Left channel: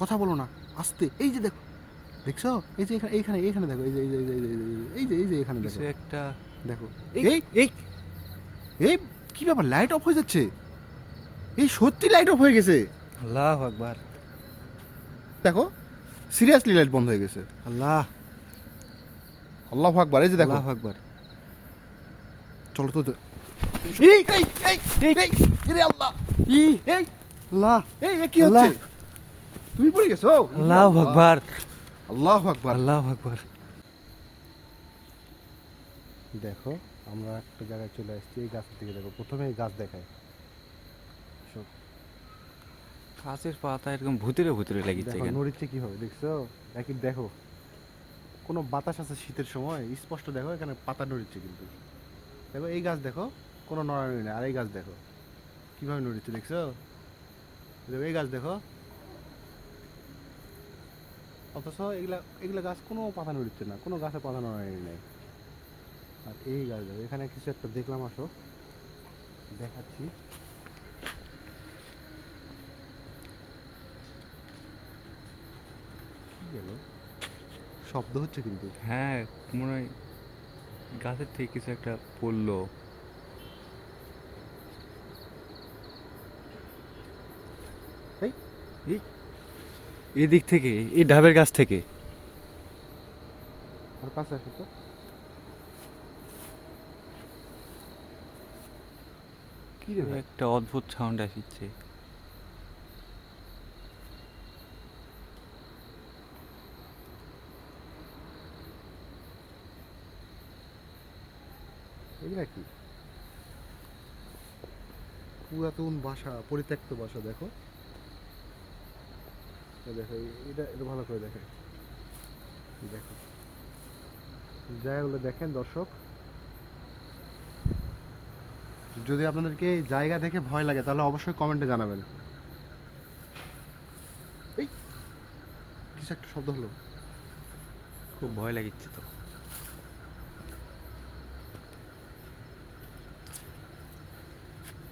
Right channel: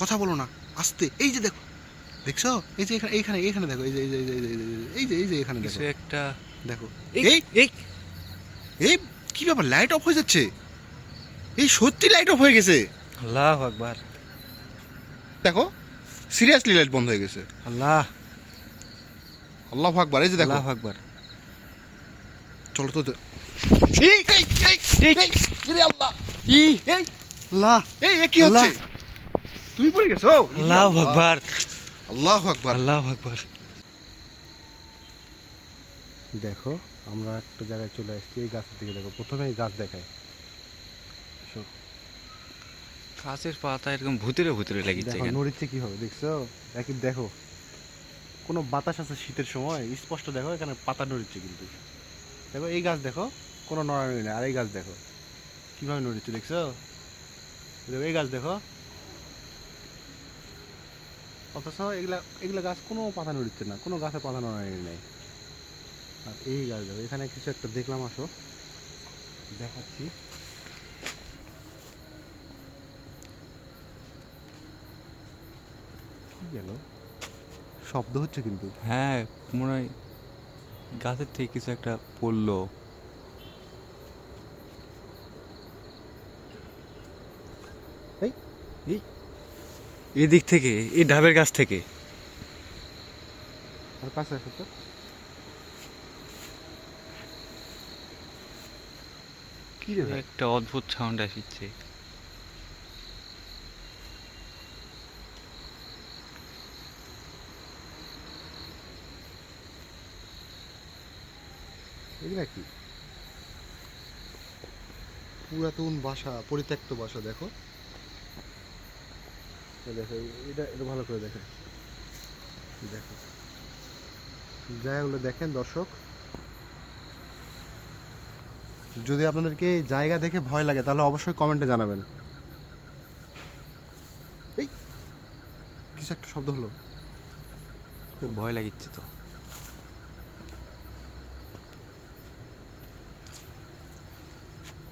কথা বলো না, আস্তে। এই যে দেখো, দেখছো? এই যে এখানে এইখানে এইখানে দেখো, এই যে এই যে এই যে এই যে এই যে এখানে কিছু দেখো, একটা। দেখো। এই এই এই এই কি ব্যাপার, লাইট অফ হয়ে যাচ্ছে? এই সত্যি লাইট অফ হয়ে গেছে। আল্লাহ আকবার। দেখো, সিরিয়াসলি লাইট বন্ধ হয়ে গেছে। আল্লাহ আল্লাহু আকবার। এই যে দেখো, আল্লাহ আকবার। চলো তো এই এই এই এই এই ইরে আল্লাহ, ই এই আল্লাহ এই কি আল্লাহ। হচ্ছে? তুমি পড়ে গেছো? আল্লাহ আকবার। আল্লাহু আকবার। আল্লাহ আকবার। দেখো, আমরা একটা জায়গায় চলে আসছি, এই গাছের দিকে দেখো, প্রথমে এই গাছ দেখায়। গাছের পাতা এরকম ভুতুরে ভুতুরে লাগিচ্ছে দেখো কেন? নড়িচ্ছে কিভাবে, দেখছো? একই দেখো, কোনো বাতাস আছে শীতের সময়, স্পষ্ট দেখো এখানে পাতা নড়িচ্ছে কিন্তু। দেখো এই গাছ দেখো, কোনো নড়ানড়ি নেই। আর এই গাছ দেখো কিভাবে নড়িচ্ছে, দেখছো? দেখো এই গাছ দেখো, অথচ এগুলা এগুলা গাছ কোনো পাতা নড়িচ্ছে না, কোনো গাছে পাতা নড়ানড়ি নেই। আর এই গাছ দেখো, এখানে কিছু একটা দেখলাম, আসো দেখাচ্ছি। কি গেল, শব্দ হচ্ছে কিন্তু। হ্যাঁ, মনে হয় গাছের থেকে কিছু একটা পড়লো। এই এই এদিক থেকে, এই ডাবের গাছ থেকে। আর কাছে আসো তো। কি রে ভাই? একটা অদ্ভুত সাউন্ড আসছে। এগুলা কি? পুরাতন বাসা, পরিত্যক্ত বাসা। দেখো, এই দেখো, এটা এটা ভালো করে দেখেন। দেখো, জায়গাগুলো দেখেন দর্শক। যদি আপনাদেরকে এই জায়গা দেখে ভয় লাগে তাহলে অবশ্যই কমেন্টে জানাবেন। এই কিছু একটা শব্দ হলো। খুব ভয় লাগিচ্ছে তো।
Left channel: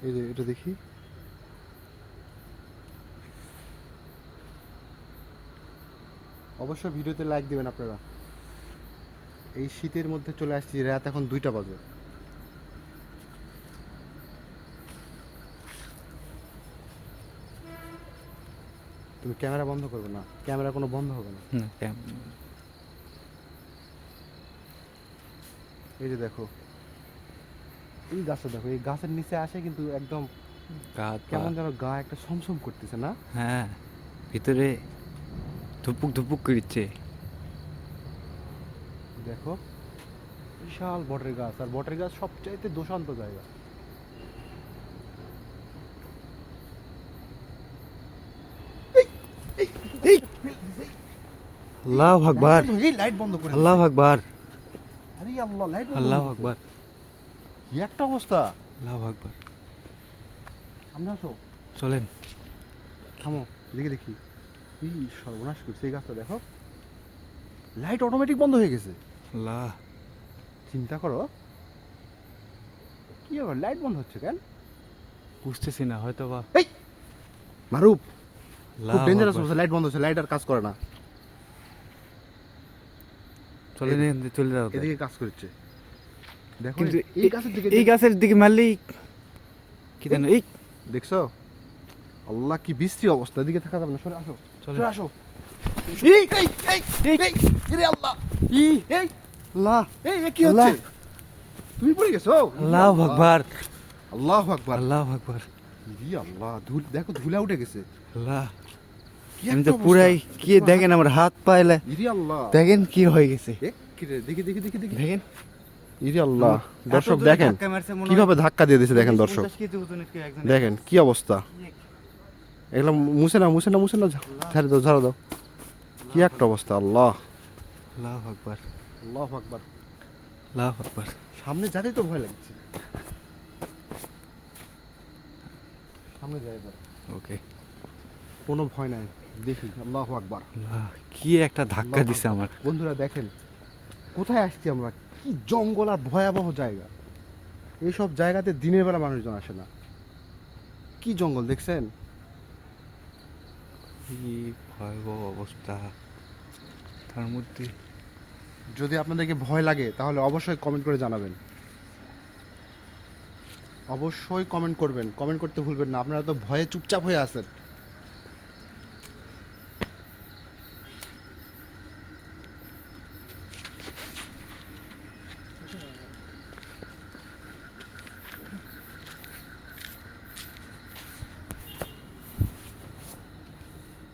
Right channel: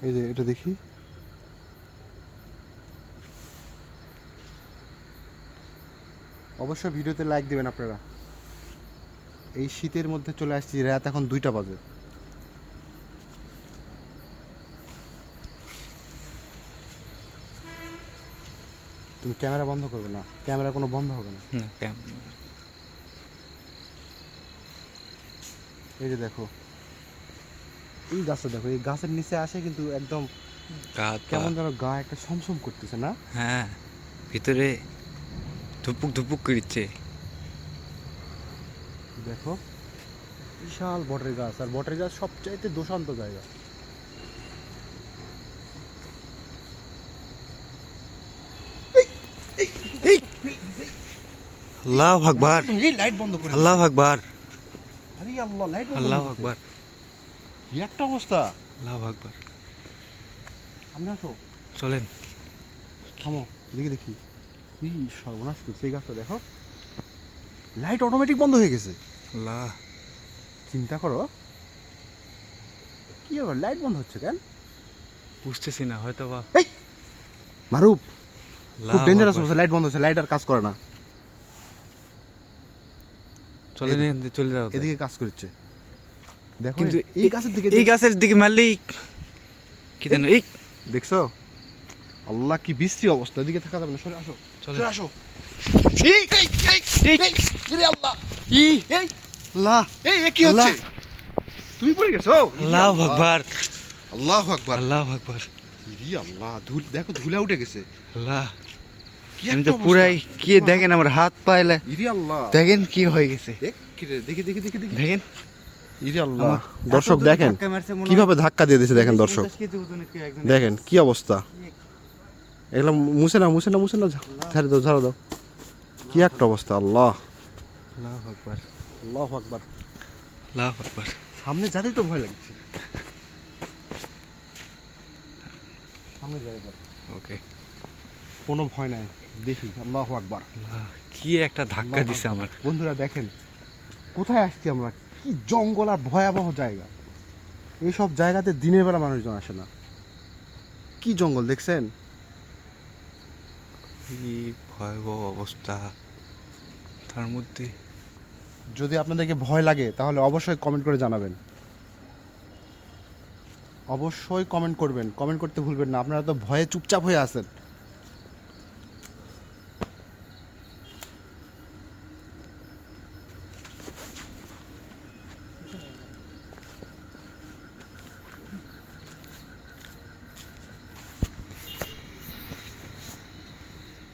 এই যে এটা দেখি, অবশ্যই ভিডিওতে লাইক দিবেন আপনারা। এই শীতের মধ্যে চলে আসছি, রাত এখন 2টা বাজে। তুমি ক্যামেরা বন্ধ করবে না, ক্যামেরা কোনো বন্ধ হবে না। না, এই যে দেখো, এই গাছটা দেখো, এই গাছের নিচে আসে কিন্তু একদম গাছ পা। কেমন যেন গা একটা ছমছম করতেছে না? হ্যাঁ, ভিতরে ধুপুক ধুপুক করছে। দেখো, বিশাল বটের গাছ, আর বটের গাছ সবচাইতে দোষান্ত জায়গা। আল্লাহ আকবার। এই লাইট বন্ধ করে আল্লাহ আকবার। আরে আল্লাহ, লাইট বন্ধ আল্লাহ করে দিছে। আকবার। কি একটা অবস্থা! আল্লাহ আকবার। সামনে আসো, চলেন। থামো, দেখি দেখি। এই সর্বনাশ করছে এই গাছটা, দেখো লাইট অটোমেটিক বন্ধ হয়ে গেছে। আল্লাহ। চিন্তা করো, কি ব্যাপার, লাইট বন্ধ হচ্ছে কেন? বুঝতেছি না, হয়তো বা। এই মারুফ, আল্লাহ খুব ডেঞ্জারাস আকবার। অবস্থা, লাইট বন্ধ হচ্ছে, লাইট আর কাজ করে না। চলেন, এখান থেকে চলে যাও। এদিকে কাজ করছে, দেখো কিন্তু এই গাছের দিকে এই গাছের দিকে মারলেই কি জানো। এই দেখছো? আল্লাহ, কি বিশ্রী অবস্থা, এদিকে থাকা যাবে না, সরে আসো, চলে সরে আসো। এই এই এই এই ইরে আল্লাহ, ই এই আল্লাহ। এই কি আল্লাহ। হচ্ছে? তুমি পড়ে গেছো? আল্লাহু আকবার। আল্লাহু আকবার। আল্লাহু আকবার। ইরে আল্লাহ, ধুল দেখো, ধুলা উঠে গেছে। আল্লাহ। কি আমি একটা তো অবস্থা। পুরাই কি দেখেন, আমার হাত পাইলে ইরে আল্লাহ, দেখেন কি হয়ে গেছে। কি রে, দেখি দেখি দেখি দেখি। দেখেন ইরে আল্লাহ, আমার দর্শক এত দূর দেখেন ধাক্কা মারছে, মনে হয় কিভাবে ধাক্কা দিয়ে দিয়েছে, দেখেন দর্শক, 50 কেজি ওজনের কেউ একজন। দেখেন কি অবস্থা। এগুলো মুছে না, মুছে না, মুছে না, ঝাড়ে দাও, ঝাড়ে দাও। কি একটা অবস্থা, আল্লাহ। আল্লাহু আকবার। আল্লাহু আকবার। আল্লাহু আকবার। সামনে যাতেই তো ভয় লাগছে, সামনে যাই এবার, ওকে। কোনো ভয় নাই, দেখি। আল্লাহু আকবার। কি একটা ধাক্কা দিছে আমার। বন্ধুরা দেখেন, কোথায় আসছি আমরা, কি জঙ্গল আর ভয়াবহ জায়গা। এইসব জায়গাতে দিনের বেলা মানুষজন আসে না। কি জঙ্গল দেখছেন? কি ভয়াবহ অবস্থা, তার মধ্যে যদি আপনাদেরকে ভয় লাগে তাহলে অবশ্যই কমেন্ট করে জানাবেন, অবশ্যই কমেন্ট করবেন, কমেন্ট করতে ভুলবেন না। আপনারা তো ভয়ে চুপচাপ হয়ে আছেন।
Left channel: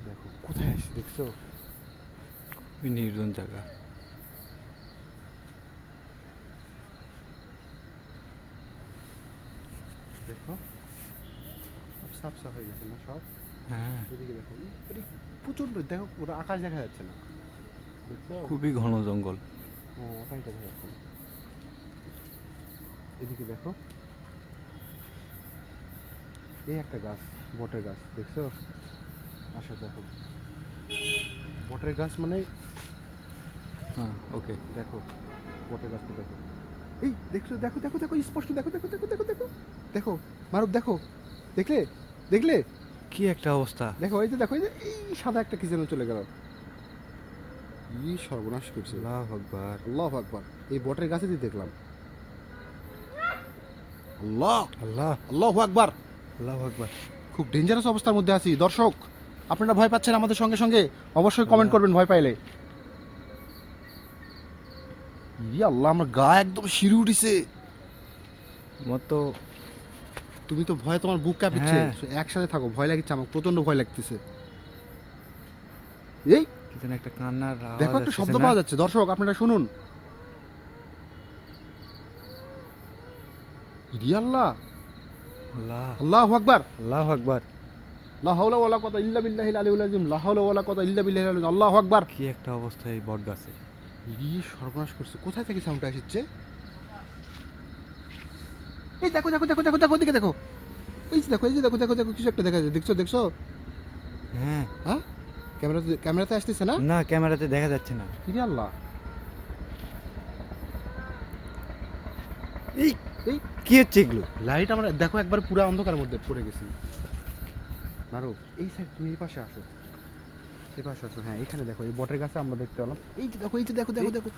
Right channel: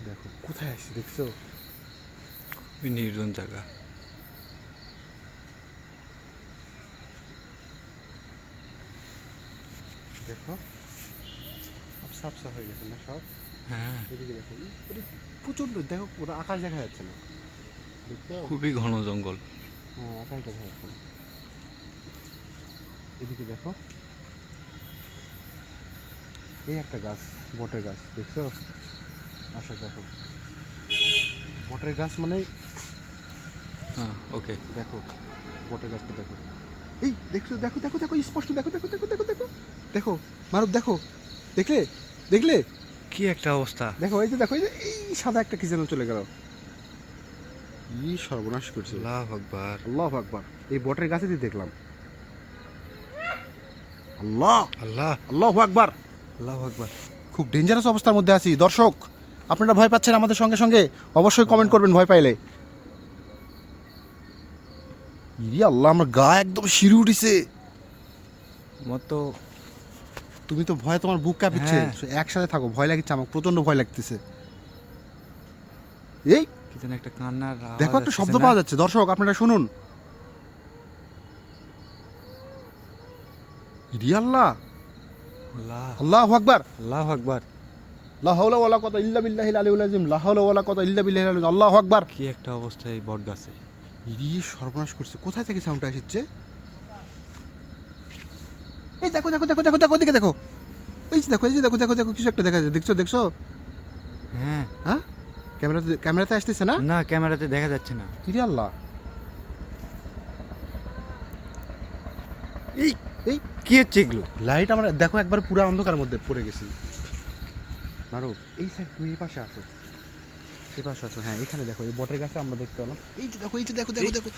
দেখো কোথায় আসছে, দেখছো? খুবই নির্জন জায়গা। দেখো সাফসা হয়ে গেছে না সব। হ্যাঁ, এদিকে দেখো, প্রচন্ড, দেখো পুরো আকাশ দেখা যাচ্ছে না, দেখছো? খুবই ঘন জঙ্গল। হ্যাঁ, আকাশ দেখা যাচ্ছে না। এদিকে দেখো, এই একটা গাছ, বটের গাছ, দেখছো? আসো দেখো, বটের গাছ মানে হ্যাঁ, ওকে। দেখো, বটের গাছটা দেখো, এই দেখছো, দেখো দেখো দেখো স্পষ্ট, দেখো দেখো দেখো দেখো দেখো দেখো মারুফ, দেখো, দেখলে দেখলে, কি একটা অবস্থা। দেখো এই যে, দেখো এই যে, এই সাদা একটা কি যেন চলে গেল, ই সর্বনাশ করছে। আল্লাহু আকবার। আল্লাহু আকবার, এই বটের গাছে দিয়ে দেখলাম। আল্লাহ আল্লাহ, আল্লাহু আকবার। আল্লাহু আকবার। খুব ডেঞ্জারাস অবস্থার মধ্যে আছি দর্শক, আপনারা ভয় পাচ্ছেন আমাদের সঙ্গে সঙ্গে, অবশ্যই কমেন্ট করবেন ভয় পাইলে। ইরে আল্লাহ, আমার গা একদম শিরে উঠেছে। আমার তো তুমি তো ভয়, তোমার বুক কাঁপছে। হ্যাঁ। একসাথে থাকো, ভয় লাগছে, আমার প্রচন্ড ভয় লাগতেছে। এই কি যেন একটা কান্নার আওয়াজ দেখো, একটা আসতেছে শব্দ না? পাওয়া যাচ্ছে দর্শক, আপনারা শুনুন। ইরে আল্লাহ, আল্লাহ, আল্লাহু আকবার। আল্লাহু আকবার। লা হাওলা ওয়ালা কুওয়াতা ইল্লা বিল্লাহিল আলিয়্যিল আযীম, লা হাওলা ওয়ালা কুওয়াতা ইল্লা বিল্লাহিল আলিয়্যিল আযীম, আল্লাহু আকবার। কি একটা অবস্থা এই বট গাছে। ইরে সর্বনাশ করছে, কোথায় থেকে সাউন্ডটা আসছে? এই দেখো দেখো দেখো দেখো দেখো, ওদিকে দেখো, এই যে দেখো, এই যে দেখো দেখো দেখো, কিছু একটা দেখা যাচ্ছে, দেখছো দেখছো? হ্যাঁ, হ্যাঁ, ক্যামেরাতে আসতেছে না? না ক্যামেরাতে দেখা যাচ্ছে না। ইরে আল্লাহ, এই এই কি হচ্ছে এগুলো? লাইট আমরা দেখো একবার পুরো অন্ধকারের মধ্যে পড়ে গেছি। মারো, এই সাইড, তুমি এই পাশে আসো, এই পাশে আসো। হ্যাঁ, এখানে দেখো, এই বটের গাছে আমরা দেখতে পেলাম। এই যে দেখো, এই যে দেখো দেখো দেখো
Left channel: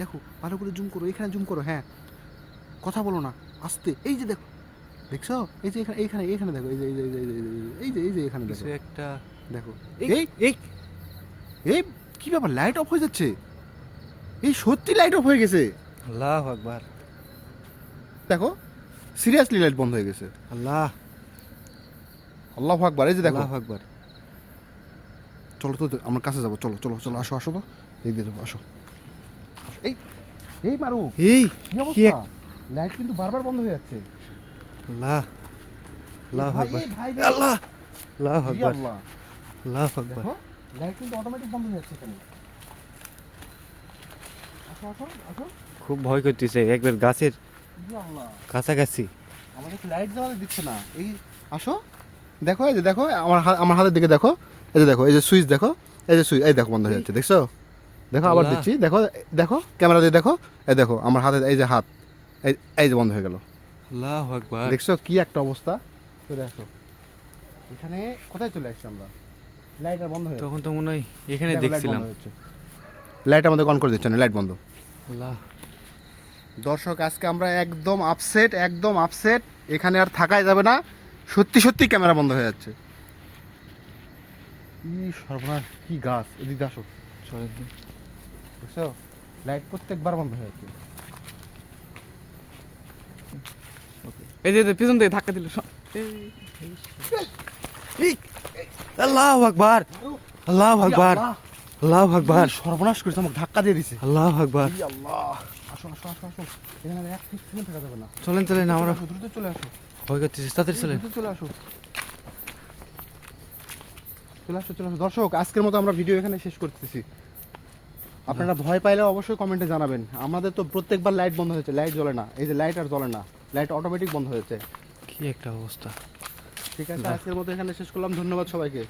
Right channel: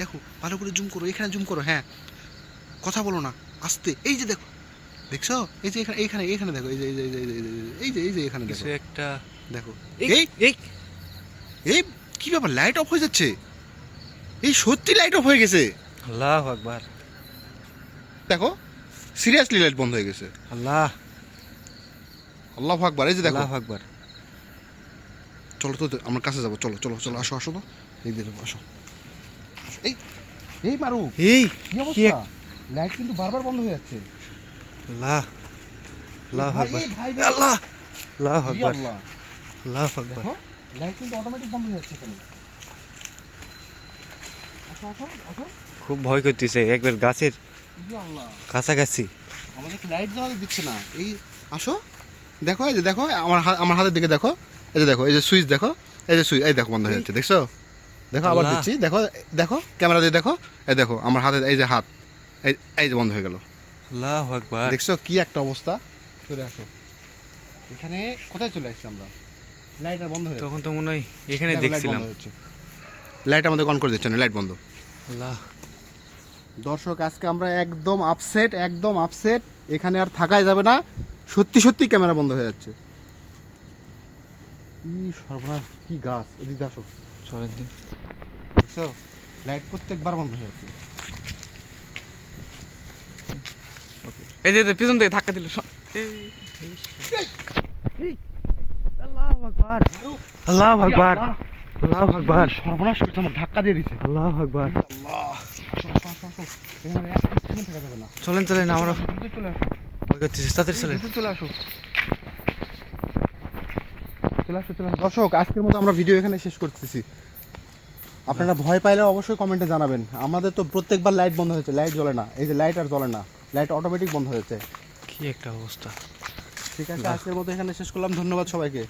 দেখো, ভালো করে জুম করো, এখানে জুম করো। হ্যাঁ, কথা বলো না, আস্তে। এই যে দেখো, দেখছো? এই যে এখানে, এইখানে এইখানে দেখো, এই যে এই যে এই যে এই যে এই যে এখানে দেখো, কিছু একটা। দেখো। এই এই এই এই কি ব্যাপার, লাইট অফ হয়ে যাচ্ছে? এই সত্যি লাইট অফ হয়ে গেছে, আল্লাহু আকবার। দেখো সিরিয়াসলি লাইট বন্ধ হয়ে গেছে। আল্লাহ, আল্লাহু আকবার। এই যে দেখো, আল্লাহু আকবার। চলো তো আমার কাছে যাবো, চলো চলো চলো, আসো আসো তো, এই দেখো, আসো আসো। এই এই মারু, এই কি অবস্থা? লাইট কিন্তু বারবার বন্ধ হয়ে যাচ্ছে। আল্লাহ, আল্লাহু ভাই, আকবার। এই ভাই, আল্লাহ, আল্লাহু ই আকবার। আল্লাহ, আল্লাহু আকবার। দেখো লাইট কিন্তু অটোমেটিক বন্ধ হয়ে যাচ্ছে এখানে। আসো আসো আসো, খুব ভয় করতেছে একবার গাছের ই আল্লাহ, কাছাকাছি। আমাদের লাইট জ্বালা দিচ্ছে না। এই আসো, দেখো, এই যে দেখো, আমার হাতের দিকে দেখো, এই যে দেখো, এই যে সুইচ দেখো, এই যে সুইচ, এই দেখো বন্ধ হয়ে যাচ্ছে, দেখছো? দেখো আবার আল্লাহ। দিচ্ছি, দেখো দেখো, ক্যামেরা দিয়ে দেখো, এই দেখো আমার হাতে, এই যে হাত, এই এই যে বন্ধ হয়ে গেল, আল্লাহু আকবার। দেখছো কি একটা অবস্থা? চলে আসো, এখানে কোথায় চলে আসছি আমরা? লাইট আর বন্ধ হয়ে তখন তো মনে হয় এখানে যাচ্ছে, লাইট দেখছিলাম। বন্ধ হচ্ছে, লাইট আমাদের অন করে দিচ্ছে না, লাইট বন্ধ। আল্লাহ, দর্শক আজকে আমরা একদম আপসেট, একদম আপসেট, এখানে আর থাকাই যাবে না, সত্যি সত্যি ক্যামেরা বন্ধ হয়ে যাচ্ছে। কি সর্বনাশ, কি গাছ, এদিকে আসো, চলেন তো। দেখছো লাইট প্রত্যেকবার বন্ধ হয়ে যাচ্ছে। এই যে পিছন থেকে ধাক্কা দিল। আল্লাহু আকবার, আল্লাহু আকবার, আল্লাহু আকবার। সর্বনাশ করেছে, আমার ধাক্কা দিয়ে দিছে। আল্লাহু আকবার। আল্লাহ, আসো আসো আসো আসো, এখানে এক সেকেন্ড থাকা যাবে না। চলেন চলেন, আমরা দ্রুত চলে আসো, ভয় করতেছি, তাড়াতাড়ি চলেন। দ্রুত চলে আসো, চলে আসো চলে আসো। দর্শক আজকের মতো আমরা ভিডিও এখানে শেষ করতেছি। আপনারা ভয় পাইলে অবশ্যই কমেন্টে জানাবেন। আমাদের তো প্রত্যেকবার লাইট বন্ধ হয়েছে, লাইট জ্বলে না, এই যে লাইট আর জ্বলে না, লাইট অটোমেটিক বন্ধ হয়েছে। কি একটা অবস্থা। ঠিক আছে, আজকের মতো এখানে শেষ করলাম, ধন্যবাদ সবাইকে।